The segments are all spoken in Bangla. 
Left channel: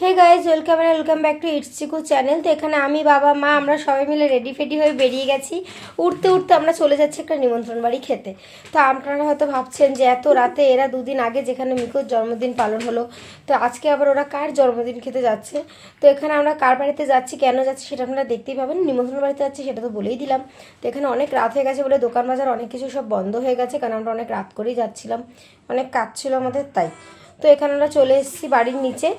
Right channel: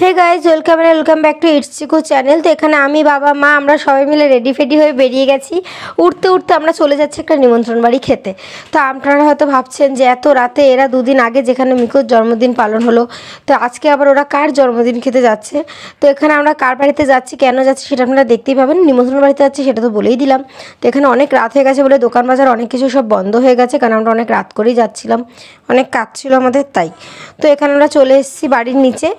Hey guys welcome back to it's Chiku channel. তো এখানে আমি বাবা মা আমরা সবাই মিলে রেডি ফেডি হয়ে বেরিয়ে গেছি। উঠতে উঠতে আমরা চলে যাচ্ছি একটা নিমন্ত্রণ বাড়ি খেতে। তো আপনারা হয়তো ভাবছেন যে এত রাতে এরা দুদিন আগে যেখানে মিকুর জন্মদিন পালন হলো, তো আজকে আবার ওরা কার জন্মদিন খেতে যাচ্ছে। তো এখানে আমরা কার বাড়িতে যাচ্ছি, কেন যাচ্ছি সেটা আপনারা দেখতেই পাবেন। নিমন্ত্রণ বাড়িতে যাচ্ছি সেটা তো বলেই দিলাম। তো এখানে অনেক রাত হয়ে গেছে বলে দোকান বাজার অনেক কিছু সব বন্ধ হয়ে গেছে, কারণ আমরা অনেক রাত করেই যাচ্ছিলাম, অনেক কাজ ছিল আমাদের তাই। তো এখানে আমরা চলে এসেছি বাড়ির নিচে।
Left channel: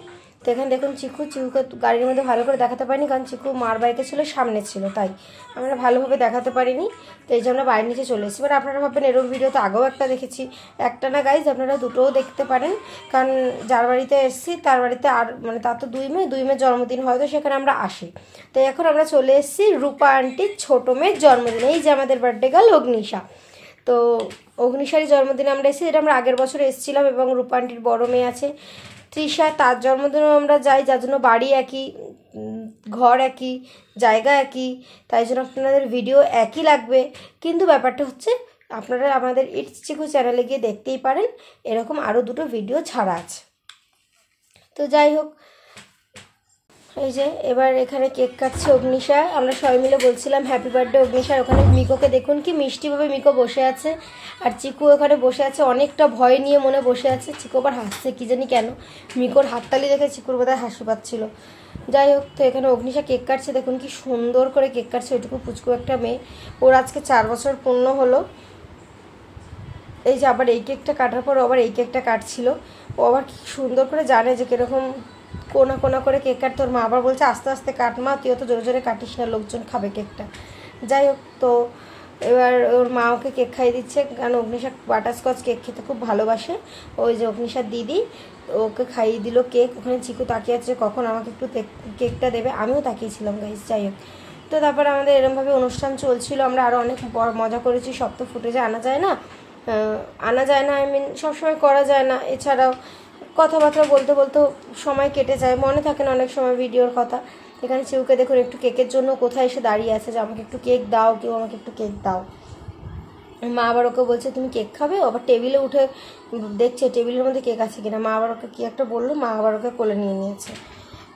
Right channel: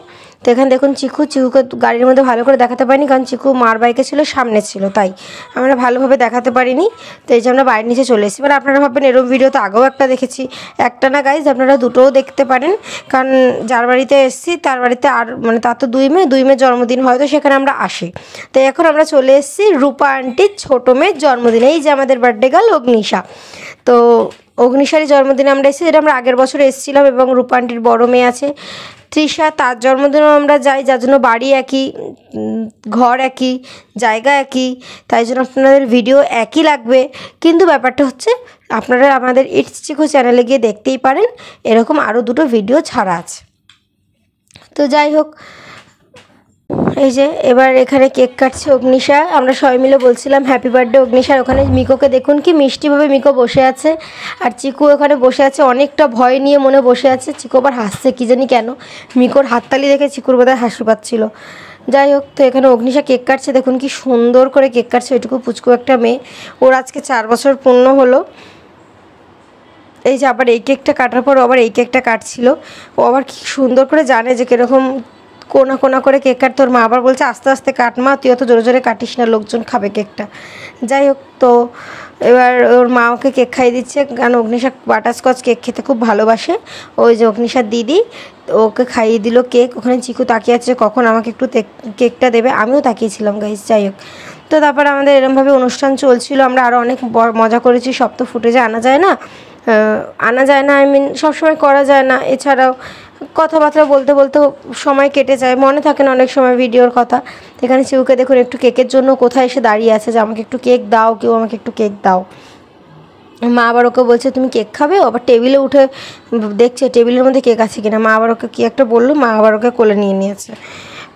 তো এখানে দেখুন চিকুকে গাড়ির মধ্যে ভালো করে দেখাতে পারিনি, কারণ চিকু মার বাইকে ছিল, সামনে ছিল, তাই আমরা ভালোভাবে দেখাতে পারিনি। তো এই যে আমরা বাড়ির নিচে চলে এসেছি। মানে আপনারা ভাববেন এরকম ভিডিও তো আগেও একটা দেখেছি, একটা না গাইজ, আপনারা দুটোও দেখতে পারেন। কারণ যার বাড়িতে এসেছি তার বাড়িতে আর মানে তার তো দুই মেয়ের জন্মদিন হয়, তো সেখানে আমরা আসি। তো এখন আমরা চলে এসেছি রূপা আন্টির ছোটো মেয়ের জন্মদিনে। এই যে আমাদের বার্থডে গার্ল অগ্নিশা। তো অগ্নিশারই জন্মদিনে আমরা এসেছি, যেটা আমরা আগের বছর এসেছিলাম। এবং রূপা আন্টির বড় মেয়ে আছে তৃষা, তার জন্মদিনেও আমরা যাই, যার জন্য বাড়ি একই, ঘর একই, জায়গা একই, তাই জন্য আপনাদের ভিডিও একই লাগবে। কিন্তু ব্যাপারটা হচ্ছে আপনারা আমাদের ইটস চিকু চ্যানেলে গিয়ে দেখতেই পারেন, এরকম আরও দুটো ভিডিও ছাড়া আছে। তো যাই হোক, এই যে এবার এখানে কেক কাটছে অগ্নিশা। আমরা সবাই মিলে বলছিলাম হ্যাপি বার্থডে অগ্নিশার। ওখানে মিকোকে দেখুন কি মিষ্টিভাবে মিকো বসে আছে, আর চিকু ওখানে বসে আছে অনেকটা ভয় নিয়ে মনে বসে আছে। চিকু আবার হাসছে কি জানি কেন, মিকোর হাততালি দেখে চিকুর বোধহয় হাসি পাচ্ছিল। যাই হোক, তো এখানে অগ্নিশা কেক কাটছে, দেখুন কি সুন্দর করে কেক কাটছে। ওইটুকু পুচকু একটা মেয়ে, ওর আজকে 4 বছর পূর্ণ হলো। এই যে আবার এই কেকটা কাটার পর আবার এই কেকটা কাটছিল। ও আবার কি সুন্দর করে জানে যে কীরকম কোনা কোনা করে কেক কাটতে। ওর মা আবার বলছে আস্তে আস্তে কাট মা, তুই অত জোরে জোরে কাটিস না, লোকজন খাবে কেকটা। যাই হোক, তো এবার ওর মা ওকে কেক খাইয়ে দিচ্ছে, কারণ অগ্নিশা বাটারস্কচ কেক খেতে খুব ভালোবাসে। ওই যে অগ্নিশার দিদি ওকে খাইয়ে দিল কেক। ওখানে চিকু তাকিয়ে আছে কখন আমাকে একটু কেকটা দেবে, আমিও তাকিয়েছিলাম গাইস। যাই হোক, তো তারপর আমাদের এরমভাবে অনুষ্ঠান চলছিল। আমরা আরও অনেক মজা করেছি, সব তো ফুটেজে আনা যায় না, আই মিন সবসময় করা যায় না। এছাড়াও কথাবার্তা বলতে বলতে সময় কেটে যায়, মনে থাকে না অনেক সময় ভিডিওর কথা। এখানে চিকুকে দেখুন একটু কেকের জন্য কোথায় এসে দাঁড়িয়ে আছে যে আমাকে একটু কেক দাও, কেউ আমাকে একটু কেক দাও। মা আবার ওকে বলছে তুমি কেক খাবে, আবার টেবিলে উঠে দেখছে টেবিলের মধ্যে কেক আছে কিনা। মা আবার ওকে কী একটা বললো, মা আবার ওকে কোলে নিয়ে নিয়েছে।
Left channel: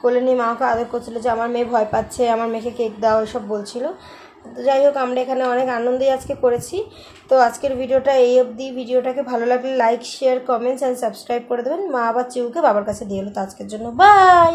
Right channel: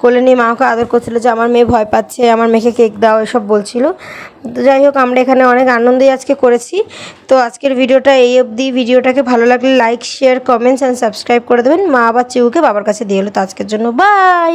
কোলে নিয়ে মা ওকে আদর করছিল যে আমার মেয়ে ভয় পাচ্ছে, আমার মেয়েকে কেক দাও, এসব বলছিল। তো যাই হোক, আমরা এখানে অনেক আনন্দই আজকে করেছি। তো আজকের ভিডিওটা এই অবধি। ভিডিওটাকে ভালো লাগলে like, share, comments and subscribe করে দেবেন। মা আবার চিকুকে বাবার কাছে দিয়ে হলো। তো আজকের জন্য বাই।